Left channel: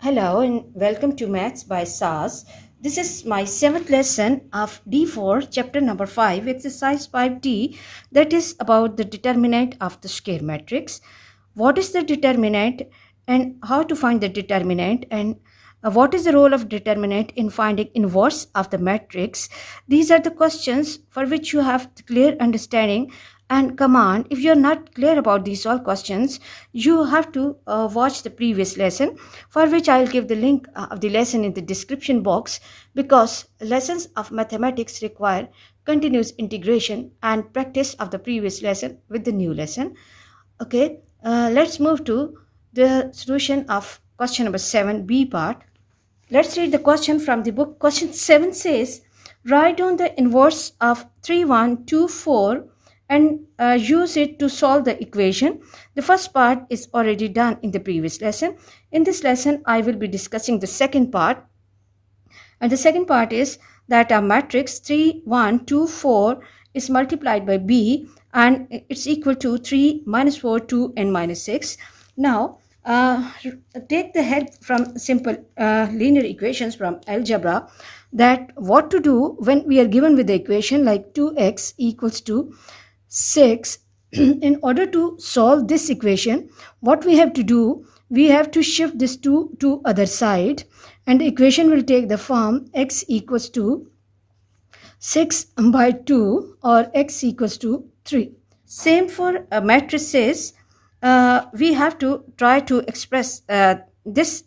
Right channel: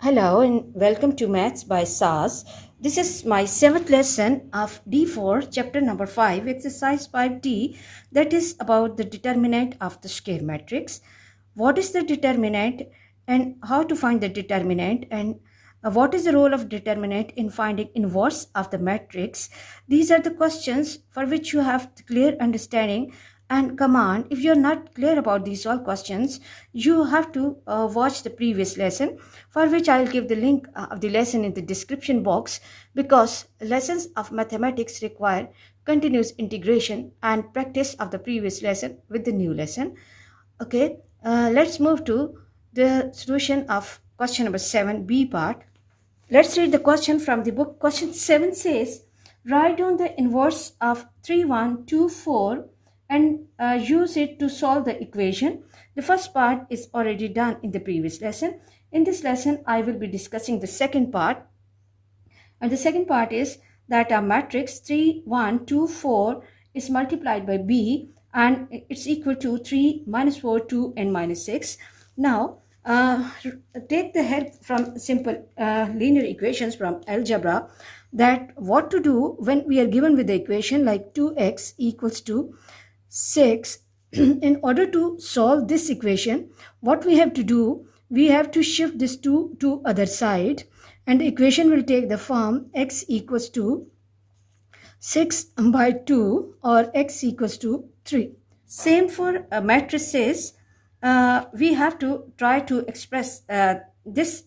Hello and welcome to Maths by SAS. This is my 7th lesson of D4, chapter number 5, exercise 5D, that is about the determinant of the square matrix. What is the determinant and how to find the determinant, and what is the role of determinant in finding inverse of the matrix? These are the questions for which you have clear understanding and command. If you are not clear about these all questions, you have to watch the previous lesson, for which I will give the link of the lesson in the description box, because lessons of mathematics require continuous integration and practice of the previous lesson with the new lesson. Okay, let's move to the solution of question number 7, B part. Let's read the question from the book. Question 7 says, write down the inverse of 3124 and use it to solve the equation. The first part is already done in the previous lesson. In this lesson, I will be discussing the second part. And the second part is that a matrix 3, 1, 2, 4 is multiplied by B and it's equal to 3, minus 4, 2 and minus 6. Now, take the help from simple linear equations from algebra, that what to do when we are given with the equation like 2x equals to 6. In order to solve this equation, what we have to do, we have to shift this 2 to other side, and the equation will take the form x equals to 6 by 2 or x equals to 3. Same for matrices. We have to try to express this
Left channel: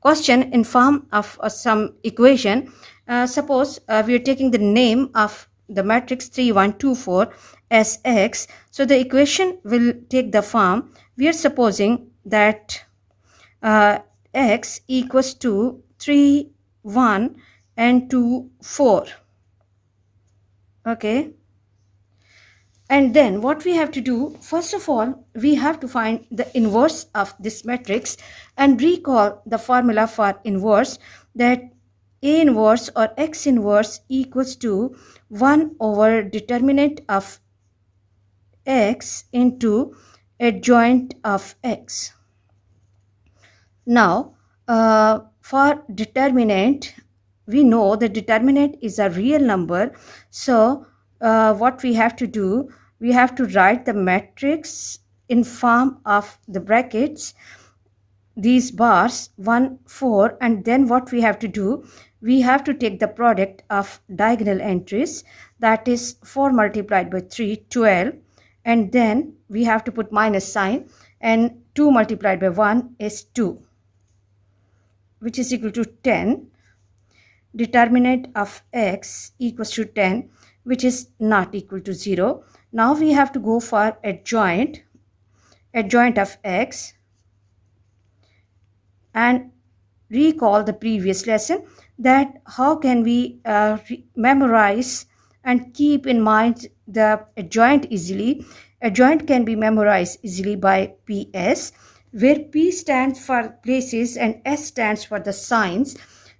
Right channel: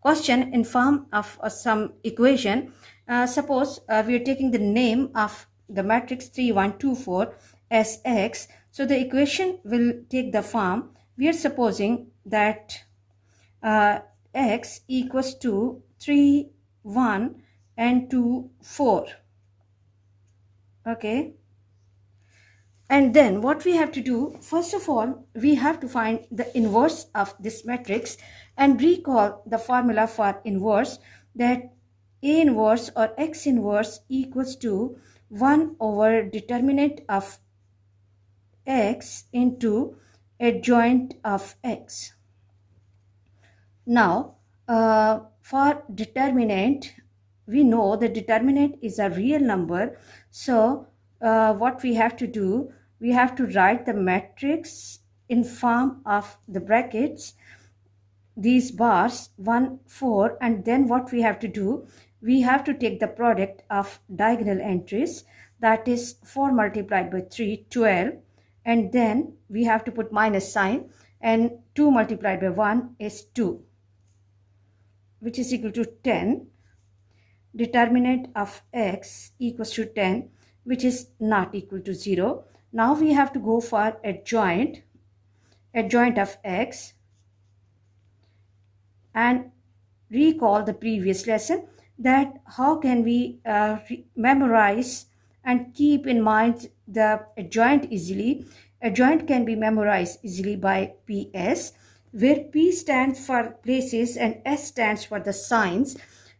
question in form of some equation. Suppose we are taking the name of the matrix 3, 1, 2, 4 as x. So the equation will take the form. We are supposing that x equals to 3, 1 and 2, 4. Okay. And then what we have to do, first of all, we have to find the inverse of this matrix and recall the formula for inverse, that A inverse or X inverse equals to 1 over determinant of X into adjoint of X. Now, for determinant, we know the determinant is a real number. So, what we have to do, we have to write the matrix in form of the brackets, these bars 1, 4, and then what we have to do, we have to take the product of diagonal entries, that is 4 multiplied by 3, 12, and then we have to put minus sign, and 2 multiplied by 1 is 2, which is equal to 10. Determinant of x equals to 10, which is not equal to 0. Now we have to go for adjoint of x, and recall the previous lesson, that how can we memorize and keep in mind the adjoint easily. Adjoint can be memorized easily by PS, where P stands for places and S stands for the signs.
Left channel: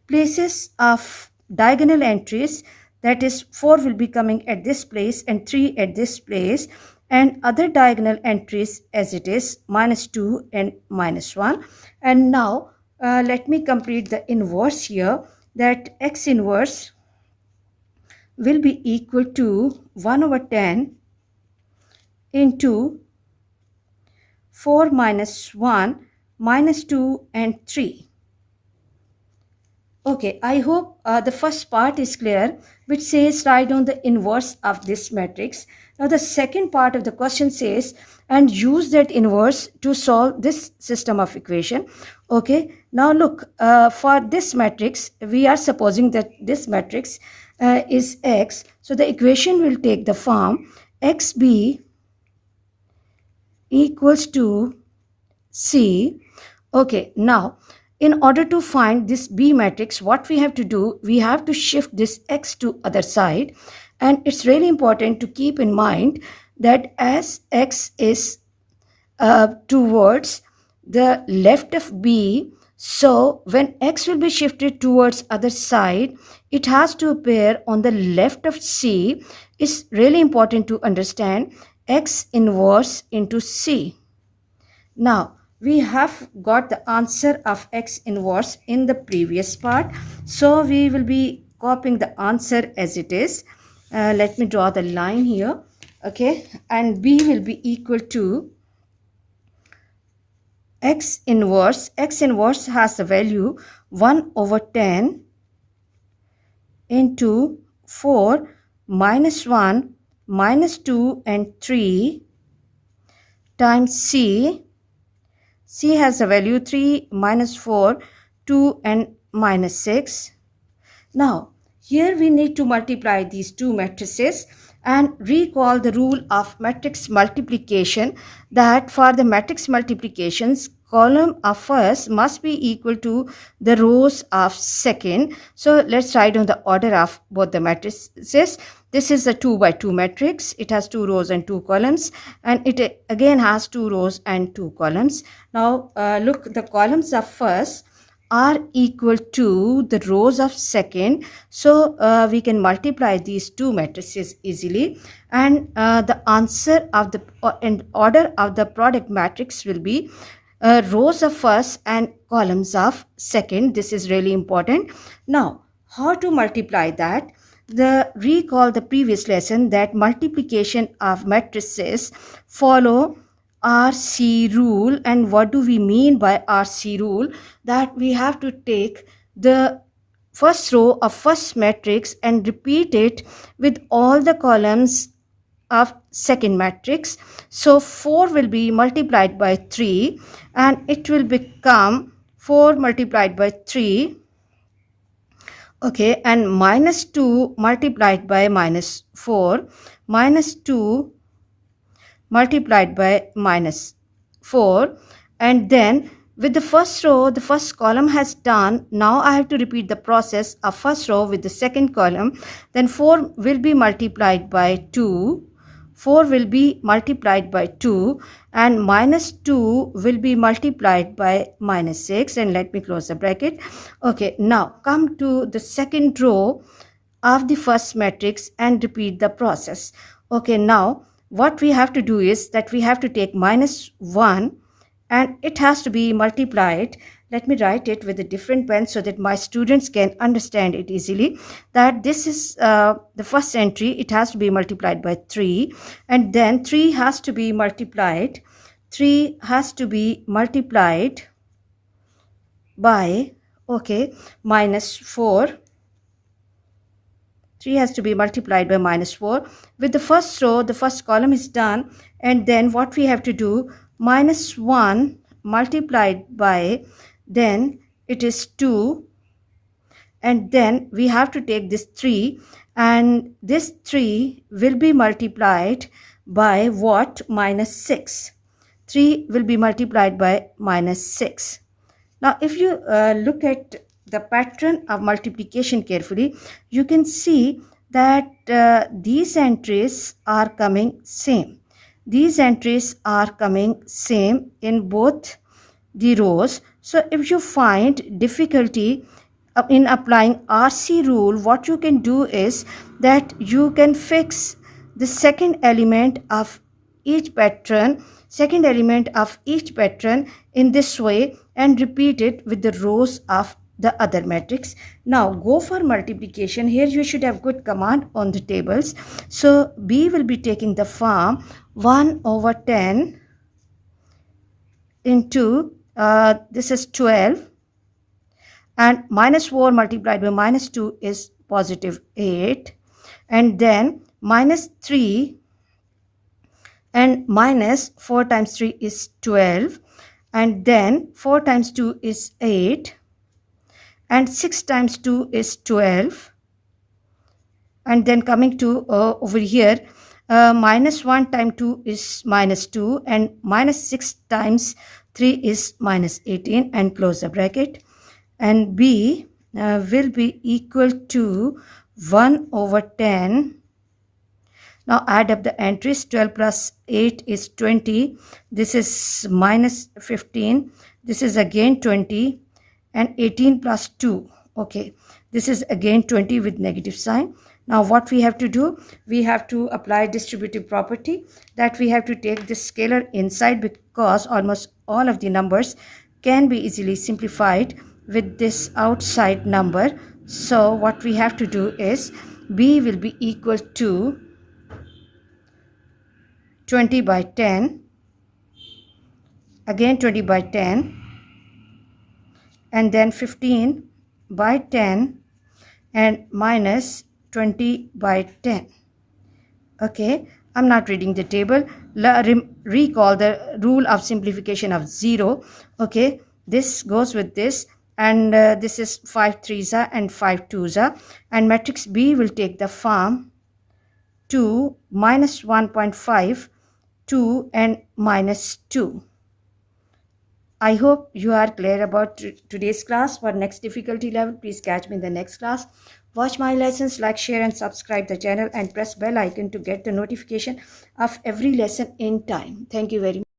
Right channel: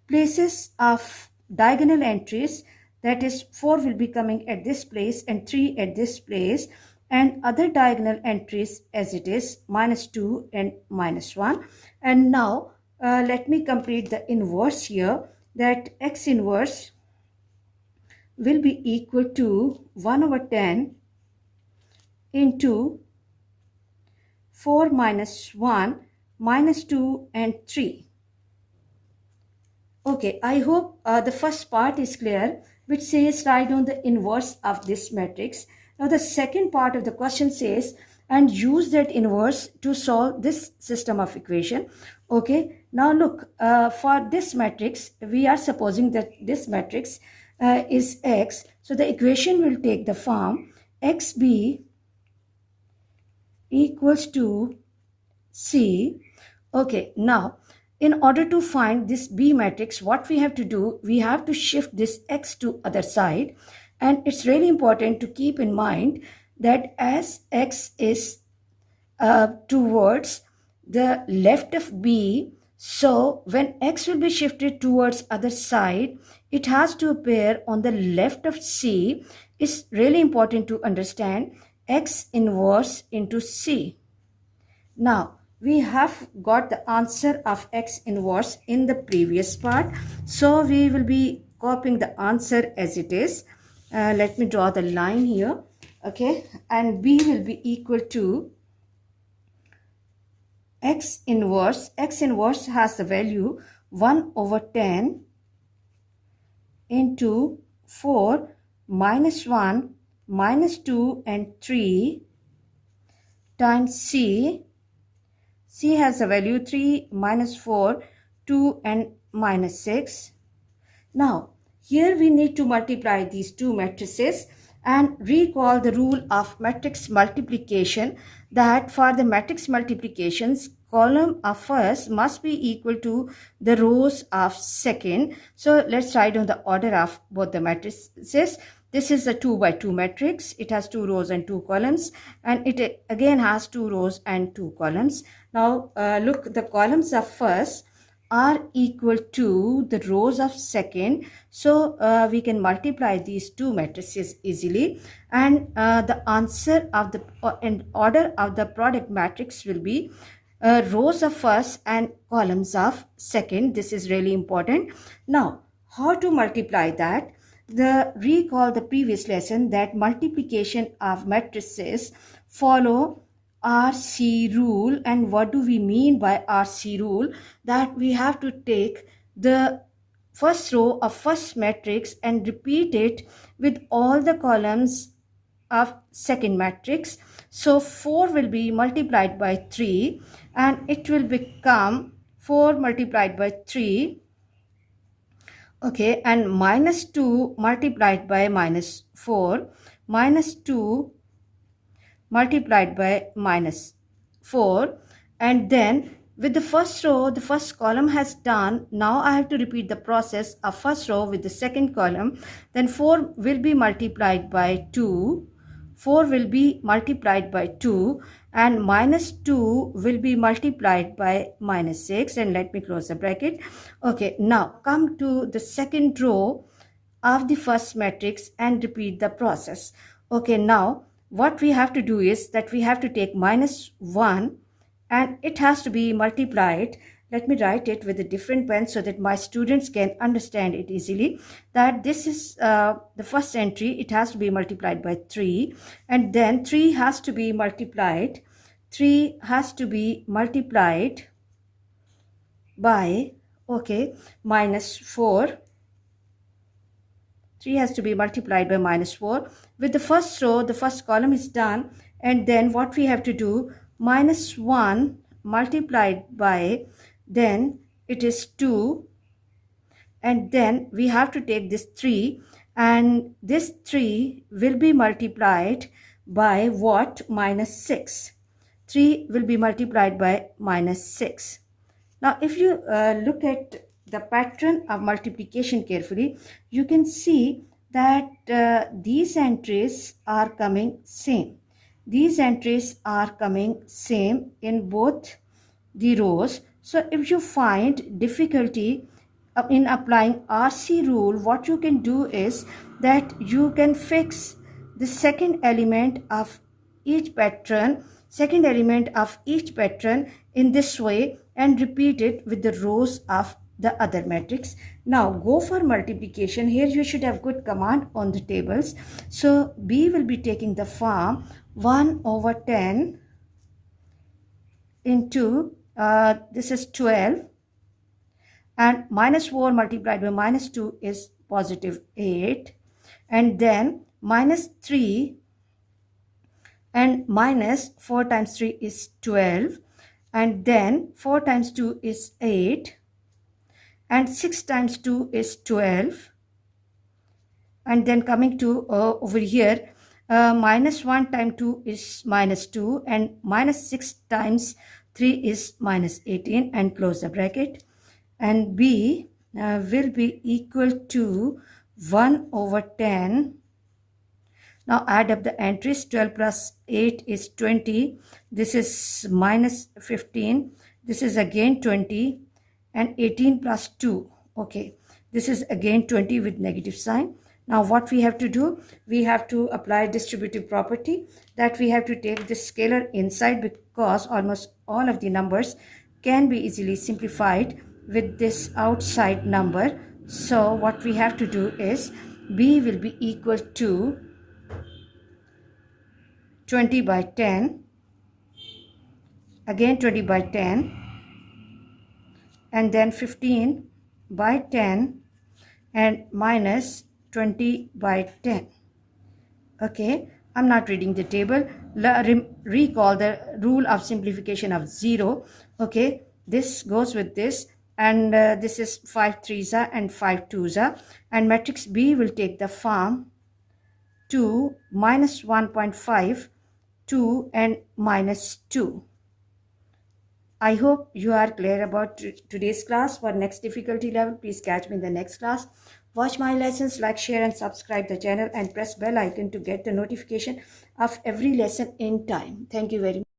Places of diagonal entries, that is 4 will be coming at this place and 3 at this place, and other diagonal entries as it is minus 2 and minus 1. And now let me complete the inverse here, that x inverse will be equal to 1 over 10 into 4 minus 1 minus 2 and 3. Okay, I hope the first part is clear, which says write down the inverse of this matrix. Now the second part of the question says, and use that inverse to solve this system of equation. Okay, now look, for this matrix, we are supposing that this matrix is x. So the equation will take the form xb equals to c. Okay, now in order to find this B matrix, what we have to do, we have to shift this x to other side. And it's really important to keep in mind that as x is towards the left of B, so when x will be shifted towards other side, it has to appear on the left of C. It's really important to understand x inverse into C. Now, we have got the answer of x inverse in the previous part. So we will be copying the answer as it is. Let me draw the line here. Okay, and b will be equal to x inverse. X inverse has the value 1 over 10 into 4 minus 1 minus 2 and 3 times c. C has a value 3 minus 4, 2 and minus 6. Now, here we need to multiply these two matrices and recall the rule of matrix multiplication, that for the matrix multiplications, column of first must be equal to the rows of second. So let's write down the order of both the matrices. This is a 2 by 2 matrix. It has 2 rows and 2 columns, and it again has 2 rows and 2 columns. Now look, the columns of first are equal to the rows of second. So we can multiply these two matrices easily, and the answer of the and order of the product matrix will be rows of first and columns of second. This is really important. Now, how to multiply that? Recall the previous lesson that multiplication of matrices follow RC rule. And what do we mean by RC rule? That we have to take the first row of first matrix and repeat it with all the columns of second matrix. So 4 will be multiplied by 3 and it will become 4 multiplied by 3. Okay, and minus 2 multiplied by minus 4, minus 2 multiplied by minus 4, and then with the first row, the first column has done. Now I have to repeat the process of first row with the second column. Then 4 will be multiplied by 2, 4 will be multiplied by 2, and minus 2 will be multiplied by minus 6, and let me close the bracket. Okay, now come to the second row of the first matrix and repeat the process. Okay, now what we have to do is that we have to take minus 1 and it has to be multiplied. Let me write it with a different pen so that my students can understand it easily. That this is the first entry. It has to be multiplied by 3, and then 3 has to be multiplied. 3 has to be multiplied by, okay, minus 4. 3 has to be multiplied by minus 4. With the first row, the first column is done, and then what we have to do, minus 1 multiplied by, then it is 2, and then we have to take this 3, and this 3 will be multiplied by what? Minus 6. 3 will be multiplied by minus 6. Now if you look at the pattern of multiplication carefully, you can see that these entries are coming same. These entries are coming same in both the rows. So if you find difficulty in applying RC rule, what you can do is that you can fix the second element of each pattern in this way and repeat it with the rows of the other matrix. Now go for multiplication. Here you should have good command on the tables. So B will be taking the form 1 over 10 into this is 12, and minus 4 multiplied by minus 2 is positive 8, and then minus 3, and minus 4 times 3 is 12, and then 4 times 2 is 8, and 6 times 2 is 12, and then coming to over here, minus 1 times 2 is minus 2, and minus 6 times 3 is minus 18, and close the bracket. And B will be equal to 1 over 10. Now add up the entries. 12 plus 8 is 20. This is minus 15. This is again 20. And 18 plus 2. Okay. This is again 20 with negative sign. Now what we have to do, we have to apply distributive property, that we have to take this scalar inside, because almost all of the numbers can be easily simplified with this outside number. So what we have to do is b will be equal to 20 by 10, again 20 by 10, and then 15 by 10, and minus 20 by 10. Okay, I'm not reading the table. Recall the rule of simplification of 0. Okay, this goes with this, and this is 5 3s and 5 2s, and matrix B will take the form 2, minus 1.5, 2, and minus 2. I hope you are clear about today's class. For next difficulty level, please catch me in the next class. Watch my lessons, like, share, and subscribe the channel, and press bell icon to get the notification of every lesson in time. Thank you very much.